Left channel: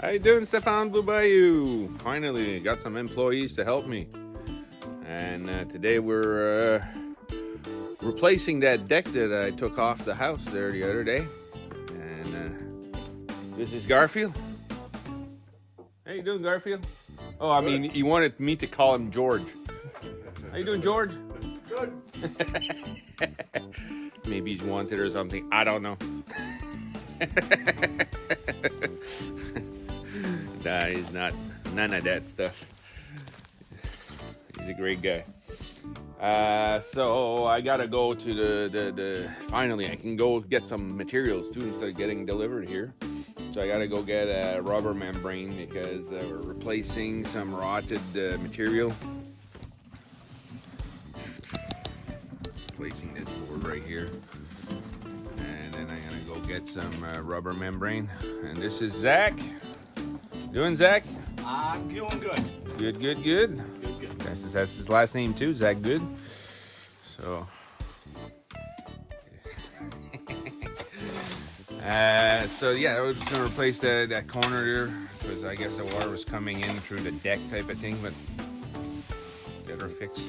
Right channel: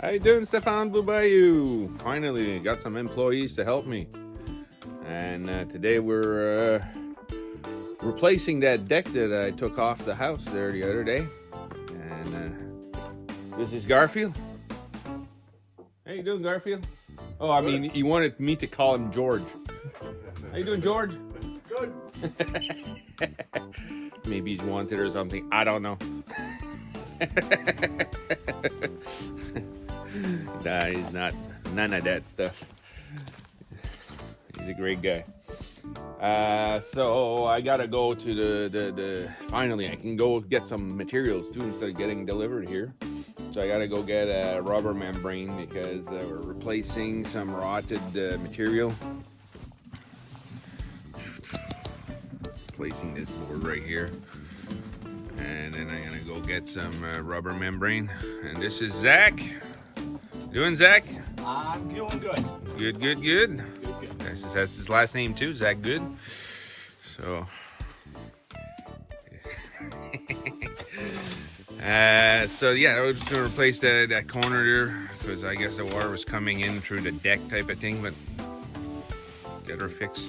How you doing, Stephane Blue Bayou? Finally got some employees to help me. And today we're replacing that deck that I took off the house there the other day. And this is Garfield. How you doing, Garfield? Oh, I mean, he wanted me to call him George. How you doing, George? Good. Maybe he's wanted or something. I don't know. Nah, he's not. None of that stuff. He's a great guy. So I gotta go to the finally I can go get some materials too instead of getting delivered here. So I gotta go get a rubber membrane because we're replacing some rotted material. Placing this board right here, and then I'm gonna go get some rubber membrane. And this is Zach. Doing, Zach? I'm doing good. Good. Good. That's his last name too, Zach Good. So, so yeah, I was just gonna replace that corner there because I guess the water was coming in through the deck type of thing, but get her fixed.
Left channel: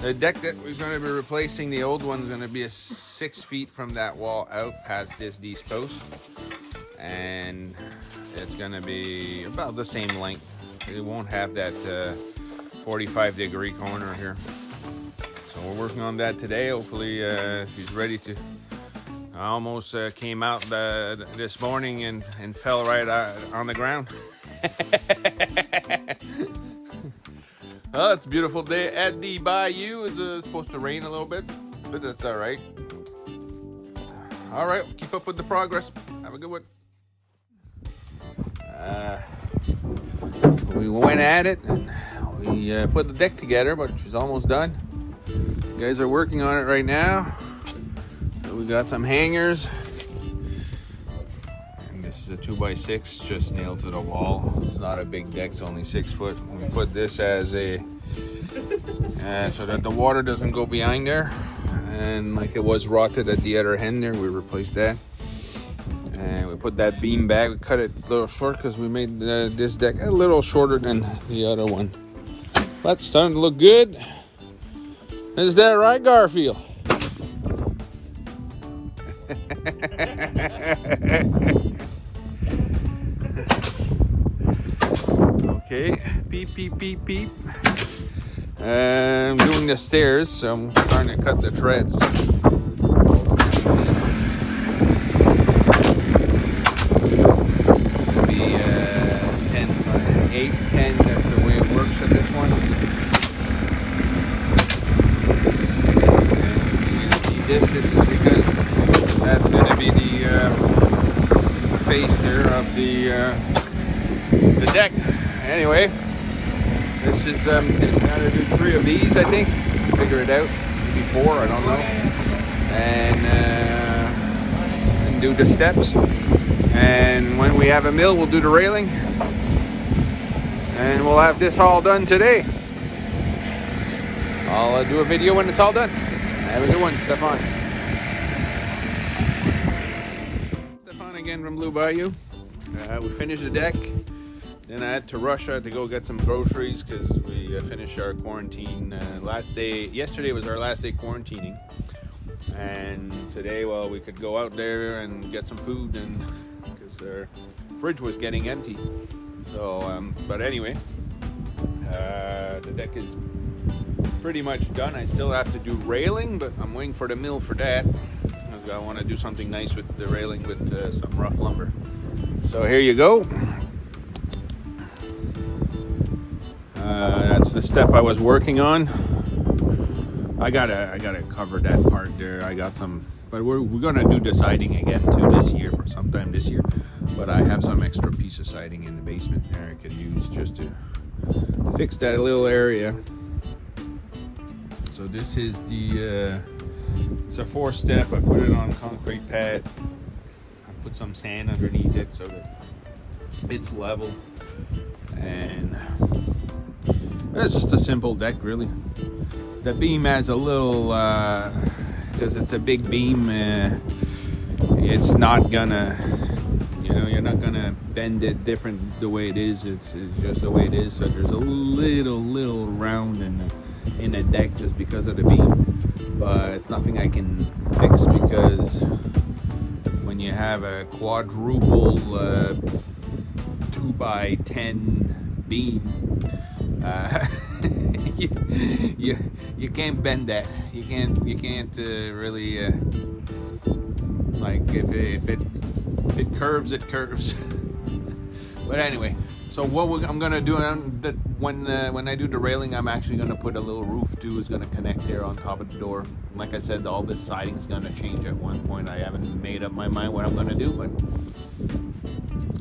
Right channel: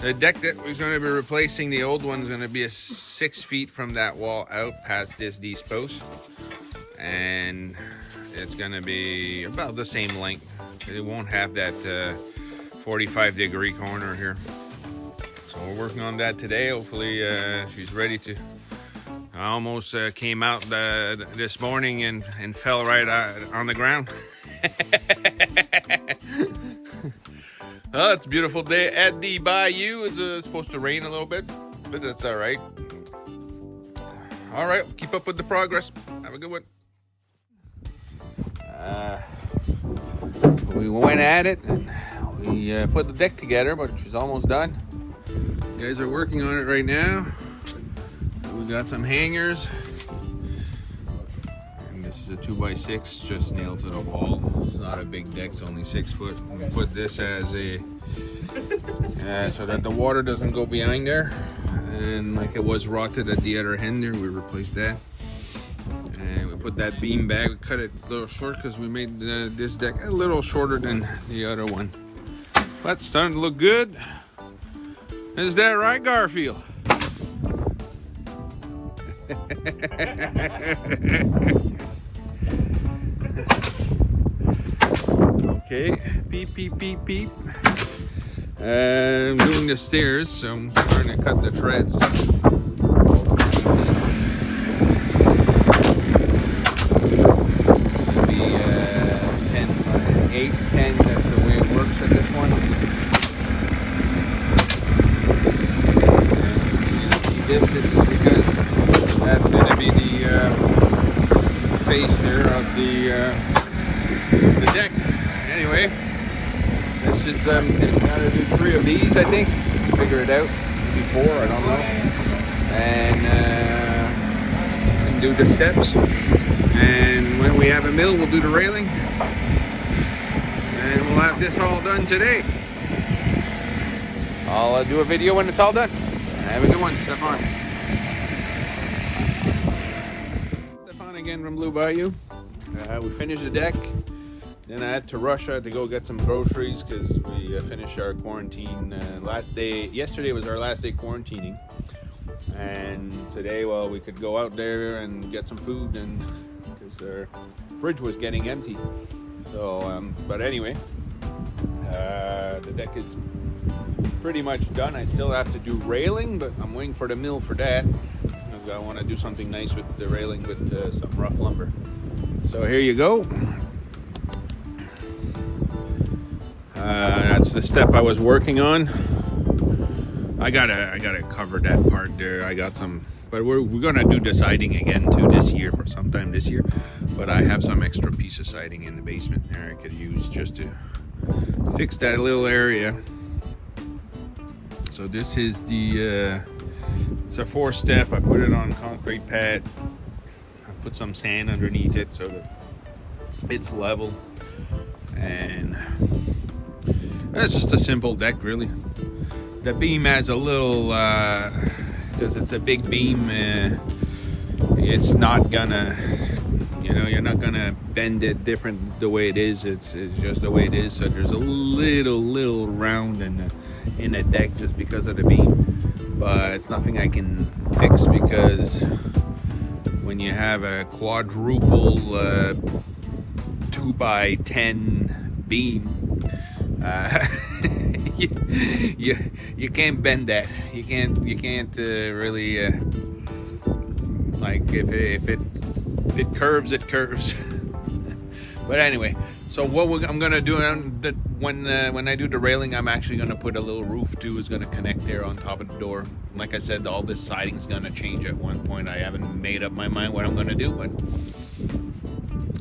The deck that we're going to be replacing, the old one, is going to be 6 feet from that wall out past these posts, and it's going to be about the same length. It won't have that 45-degree corner here. So we're working on that today. Hopefully she's ready to. I almost came out this morning and fell right on the ground. Oh, it's a beautiful day at the Bayou. It's supposed to rain a little bit, but that's all right. All right, keep up with the progress. Have a good one. We went at it, and we put the deck together, but she's almost done. You guys are working on it right now. So we got some hangers. This is a 2x6 just nailed to the wall. It's not a big deck, it's only 6 foot. We put this as a so that the water doesn't go behind there, and like it was rotted at the other end there, we replaced that. And we put that beam back. We cut it a little short because we made this deck a little shorter than the other one, but it's starting to look good. Is that right, Garfield? Okay, beep. I'm doing the stairs, so I'm trying to cut the treads. Maybe 10, that's the way it works at this one. And this is because that's going to be the face there of the deck. Anyway, this is gotta do 3 of these, I think. Figure it out. Maybe 4, I don't know. And do the steps. And when we have a mill, we'll do the railing. And we'll have this all done today. I'll do a video when it's all done. Have a good one, Stephane. Stephane again from Blue Bayou. We finished the deck. Then I had to rush out to go get some groceries because we finished our quarantine last day. Yesterday was our last day quarantining, and today, well, we could go out there and get some food, and because our fridge was getting empty. So, but anyway, the deck is pretty much done. I still have to do railing, but I'm waiting for the mill for that. I want to do something nice with the railing with some rough lumber. So here you go. That's the step I was working on. I gotta cover that part there. I got some, but we're gonna do the siding again too this year, for sometime this year. But I have some extra piece of siding in the basement there I could use just to fix that little area. So this is the it's a 4-step. I put it on concrete pad. I put some sand underneath it so that it's level, and it's just a simple deck, really. The beam has a little, because it's a big beam, it's not gonna, you're not gonna bend it different the way it is. It's just the way it is. So there's a little round in the deck just because of the beam, but it's nothing I can fix, because when you have a quadruple 2x10 beam, you can't bend that. You can't really like if it curves, it curves. But anyway, so what I'm gonna do when I do the railing, I'm actually gonna put a little roof too. Is gonna connect there on top of the door. Like I said, all this siding is gonna change at one point. I haven't made up my mind what I'm gonna do, but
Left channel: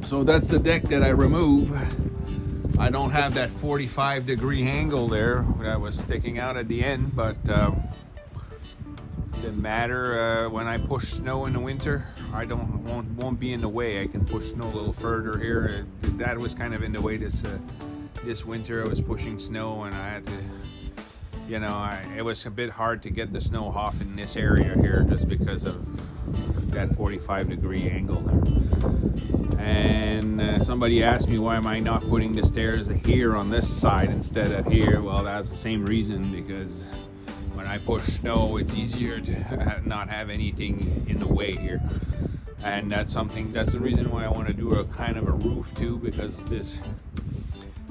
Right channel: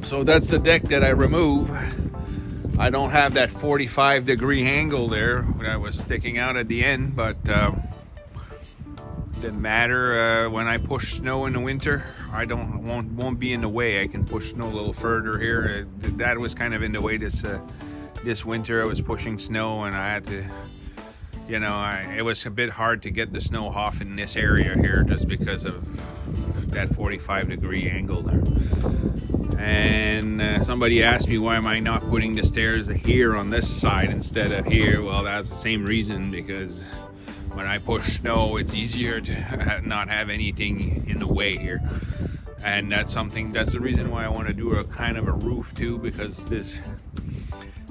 so that's the deck that I remove. I don't have that 45-degree angle there that was sticking out at the end, but didn't matter. When I push snow in the winter, won't be in the way. I can push snow a little further here. That was kind of in the way this winter. I was pushing snow, and I had to, it was a bit hard to get the snow off in this area here just because of that 45-degree angle there. And somebody asked me, why am I not putting the stairs here on this side instead of here? Well, that's the same reason, because when I push snow, it's easier to not have anything in the way here. And that's the reason why I want to do a kind of a roof too, because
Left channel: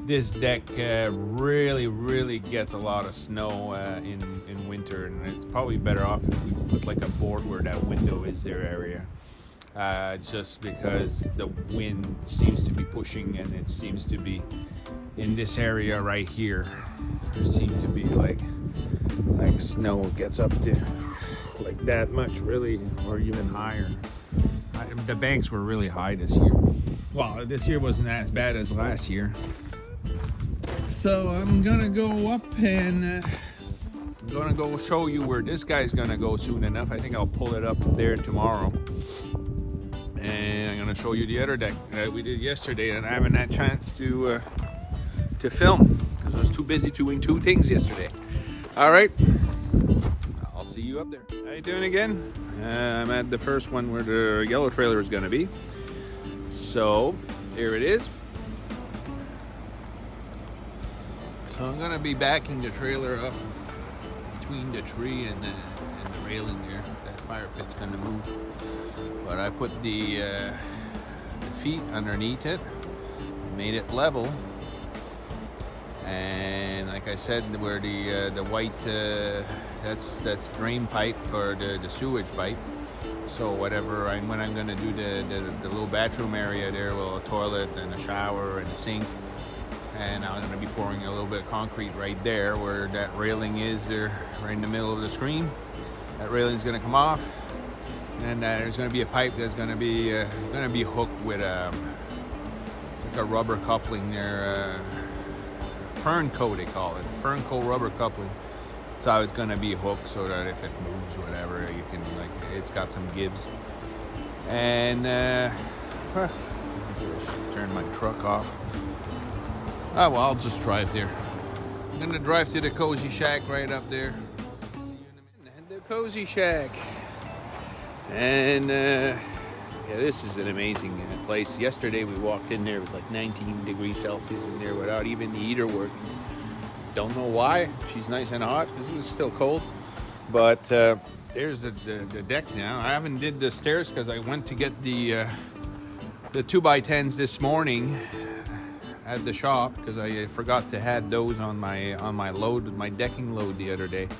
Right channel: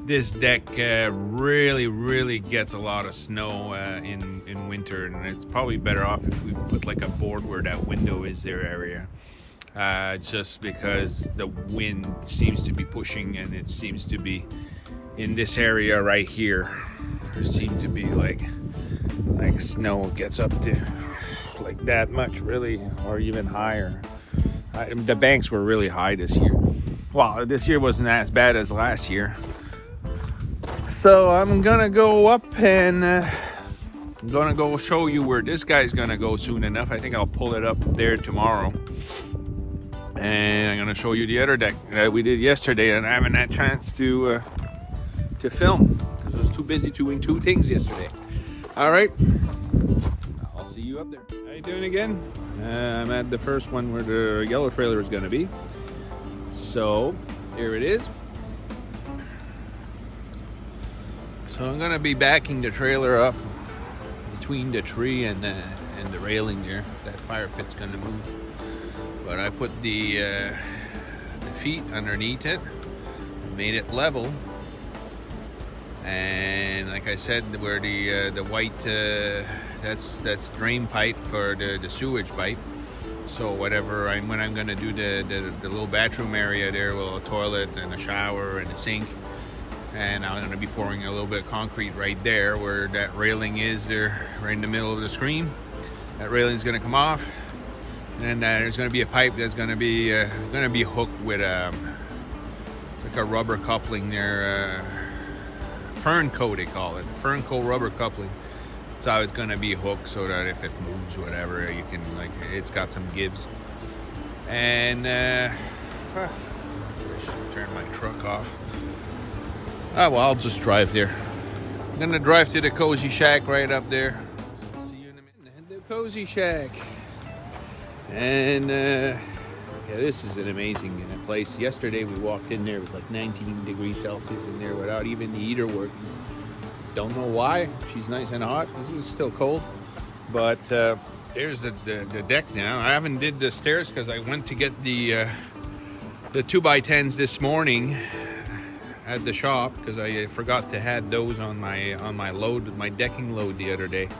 this deck really gets a lot of snow in winter, and it's probably better off if we put like a board where that window is there area. Just because the wind seems to be pushing, and it seems to be in this area right here. There seems to be like snow gets up to like that much, really, or even higher. The banks were really high this year. Well, this year wasn't as bad as last year. So I'm gonna go up and I'm gonna go show you where this guy's gonna go soon enough. I think I'll pull it up there tomorrow. And I'm gonna show you the other deck that we did yesterday, and I haven't had a chance to film because I was too busy doing two things yesterday. All right, I'll see you up there. How you doing again? I'm at the first one where the yellow trailer is gonna be. So here it is. So I'm gonna be backing the trailer up between the tree and the railing there. That fire pit's gonna move. But I put the feet underneath it, made it level, and like I said, where the white that's drain pipe for the sewage pipe. So when I'm gonna do the little bathroom area there, with a toilet and a shower and a sink, and I'm gonna be pouring a little bit of concrete right there where that railing is there, right in the middle of the screen. That railing is gonna come off. And there's going to be a pipe that's going to be hooked with it's like a rubber coupling there, fern coat they call it, fern coat rubber coupling. That's how it's going to be hooked, so that if it moves, whatever, you can it's got some gives. And turn my truck off. Oh well, I'll just drive there. I'm gonna drive to the Cozy Shack right up there. See you in a minute. The Cozy Shack. And yeah, this is an amazing place. Yesterday we walked in there, it was like 19 degrees Celsius in there without even the heater working. Don't know why. She's nice and hot because it was still cold. But there's the deck now. I haven't did the stairs because I went to get the 2x10s this morning at the shop, because I forgot to have those on my load, my decking load the other day,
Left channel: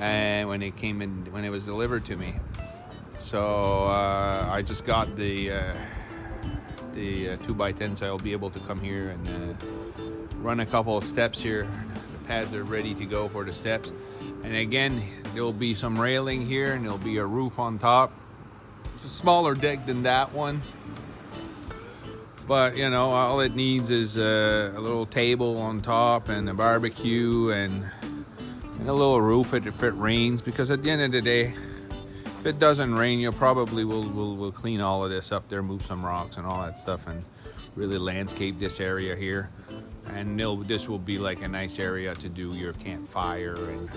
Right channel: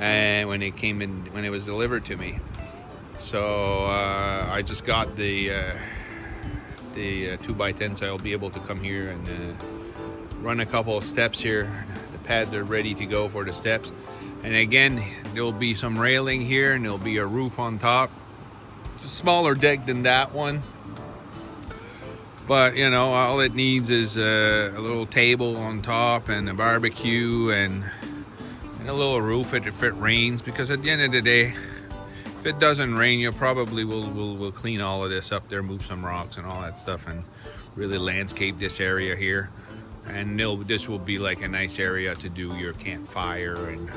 and when it was delivered to me. So I just got the 2x10, so I'll be able to come here and run a couple of steps here. The pads are ready to go for the steps. And again, there'll be some railing here, and there'll be a roof on top. It's a smaller deck than that one, but all it needs is a little table on top and a barbecue and a little roof if it rains, because at the end of the day, if it doesn't rain, you probably will clean all of this up there, move some rocks and all that stuff, and really landscape this area here. And this will be like a nice area to do your campfire, and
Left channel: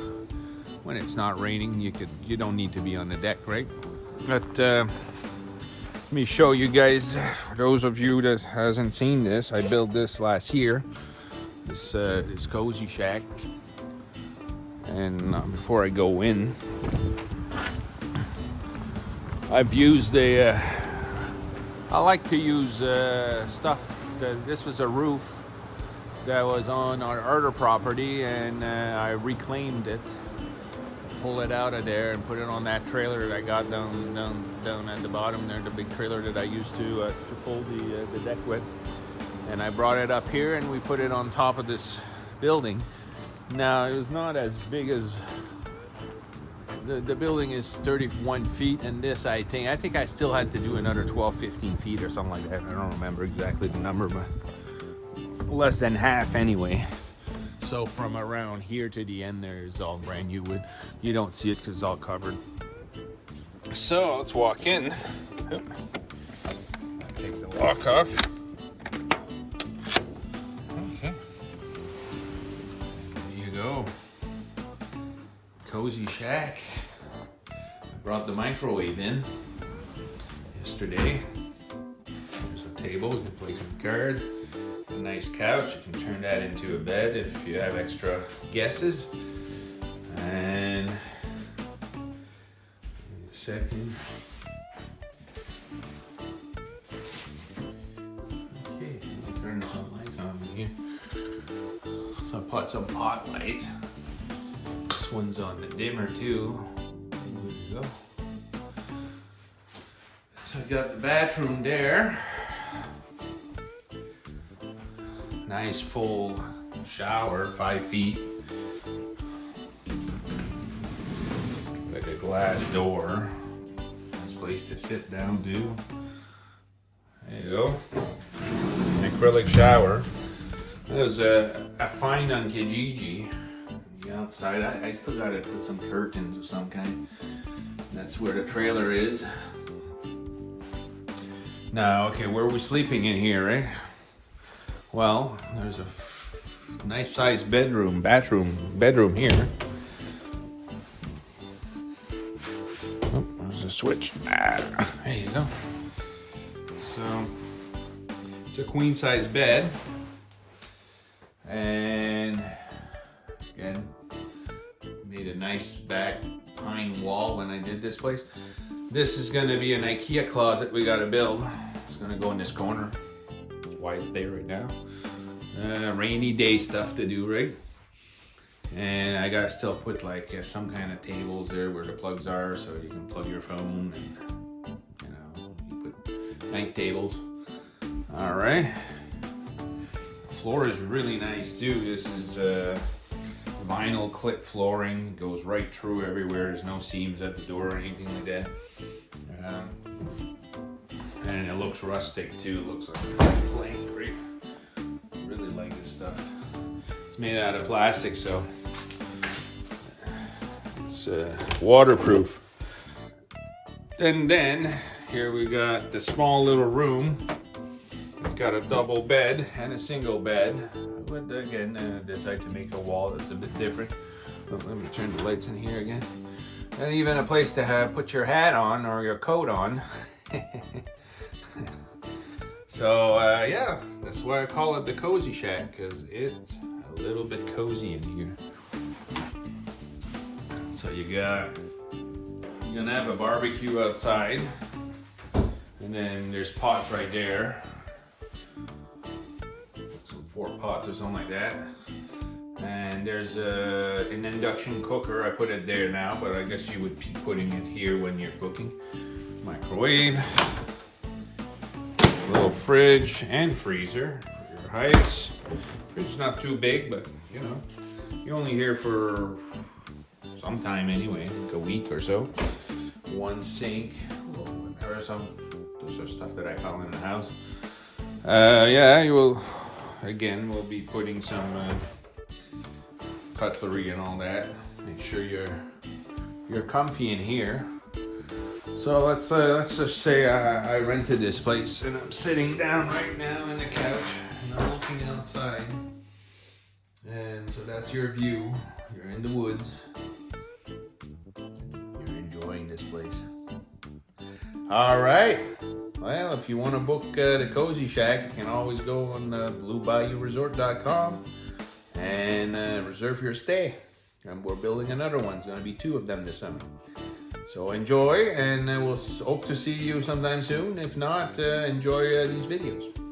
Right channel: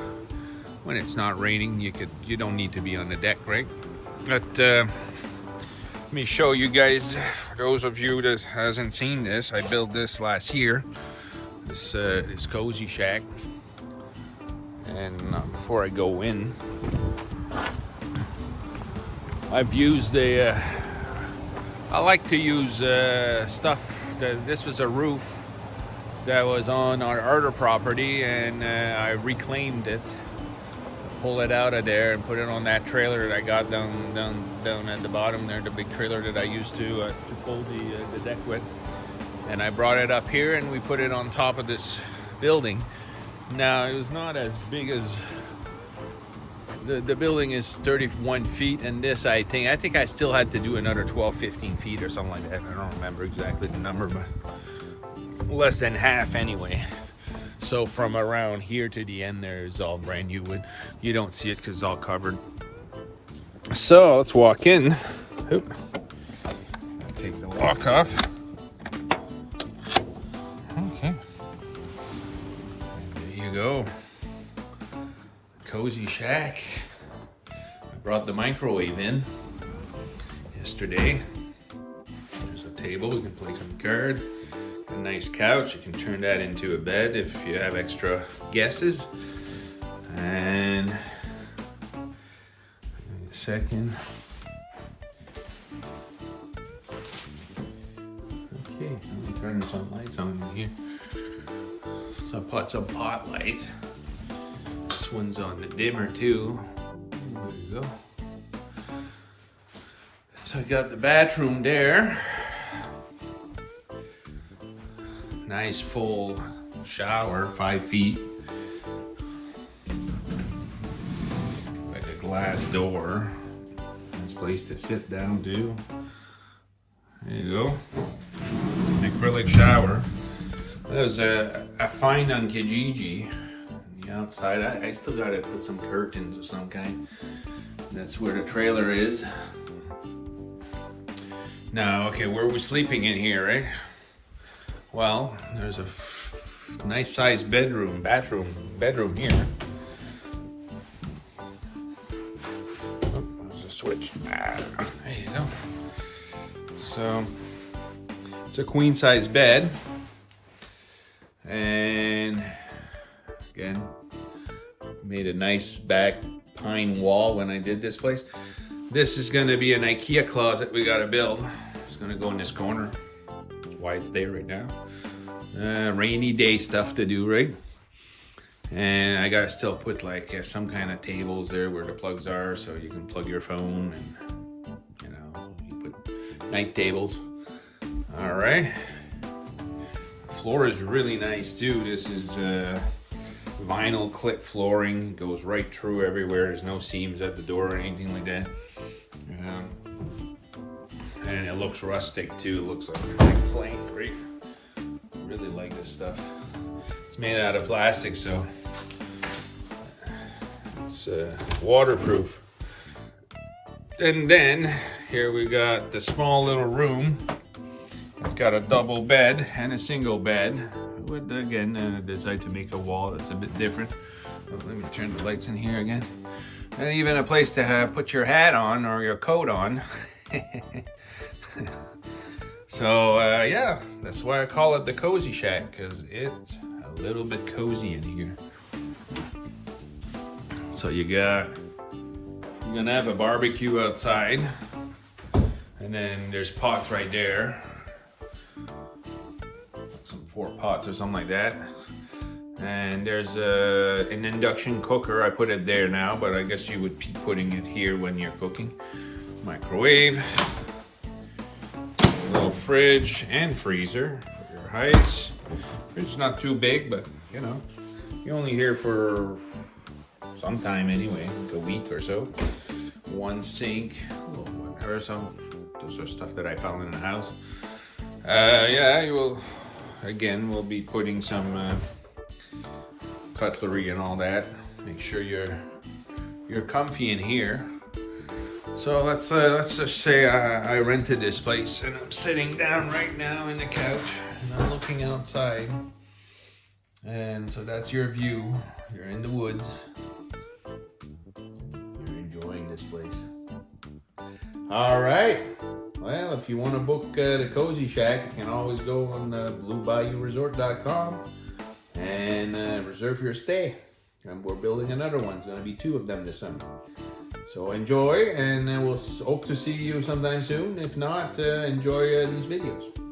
when it's not raining, you don't need to be on the deck, right? But me show you guys, those of you that hasn't seen this, I built this last year, this cozy shack. And before I go in, I've used I like to use stuff this was a roof that was on our other property, and I reclaimed it, pull it out of there and put it on that trailer that I got down at the bottom there, the big trailer that I used to pull the deck with. And I brought it up here and we put it on top of this building. Now it was not as big as the building is 31 feet, and this I think I still had to do another 12-15 feet or something like that. I don't remember exactly the number, but less than half anyway. So from around here to the end there is all brand new wood. You don't see it because it's all covered. So let's walk in. Oop. I'll take the lock off. Okay. And there you go. Cozy shack. I brought the microwave in yesterday. There's a table, we can play some cards. A nice couch, you can turn that into a bed if you have extra guesses. And a second. Okay, let me turn some lights on in here. So I put some pot lights. This one's on the dimmer too. There you go. So I got the bathroom there. Nice full shower, 5 feet. Like a glass door. Nice place to sit down too. There you go. Acrylic shower. There's a find on Kijiji. The outside, I still gotta put some curtains of some kind. That's where the trailer is. Now, okay, where are we sleeping in here, right? Well, there's a nice sized bedroom here. There's a switch. There you go. So, it's a queen size bed. And again, made a nice back pine wall when I did this place. This is gonna be an IKEA closet we gotta build. It's gonna go in this corner. Why it's there right now. Rainy day stuff to do, right? And I gotta still put like some kind of tables there where the plugs are, so you can plug your phone, and you know, you put night tables. All right. Floor is really nice too. This is vinyl clip flooring, goes right through everywhere. There's no seams at the door or anything like that. And it looks rustic too. It looks like a flame. Great. Really like this stuff. It's made out of plastic, so it's waterproof. And then here we got the small little room. It's got a double bed and a single bed. I would again decide to make a wall that's a bit different. But let me turn the lights in here again. And even a place to put your hat on or your coat on. So yeah, that's why I call it the Cozy Shack, because it's a little bit cozy in here. So you're gonna have a barbecue outside, and then there's pots right there, some 4 pots or something like that. And there's an induction cooker. I put it there now, but I guess you would be putting it here when you're cooking. Microwave. Little fridge and freezer for your heights. Fridge is not too big, but you know, you're only here for some time anyway, like a week or so. 1 sink, or some, those are stuff that I found in the house. Yeah, you will, again, we'll be putting some cutlery and all that. Make sure you're comfy in here. So let's just say I rented this place, and I'm sitting down right now in the couch and I'm looking outside, and so that's your view. You're in the woods, you're enjoying this place. All right, Well, if you want to book the Cozy Shack, you can always go on bluebayouresort.com and reserve your stay. And we're building another one. It's going to be 2 of them this summer. So enjoy, and we'll hope to see you sometime soon. If not, enjoy these videos.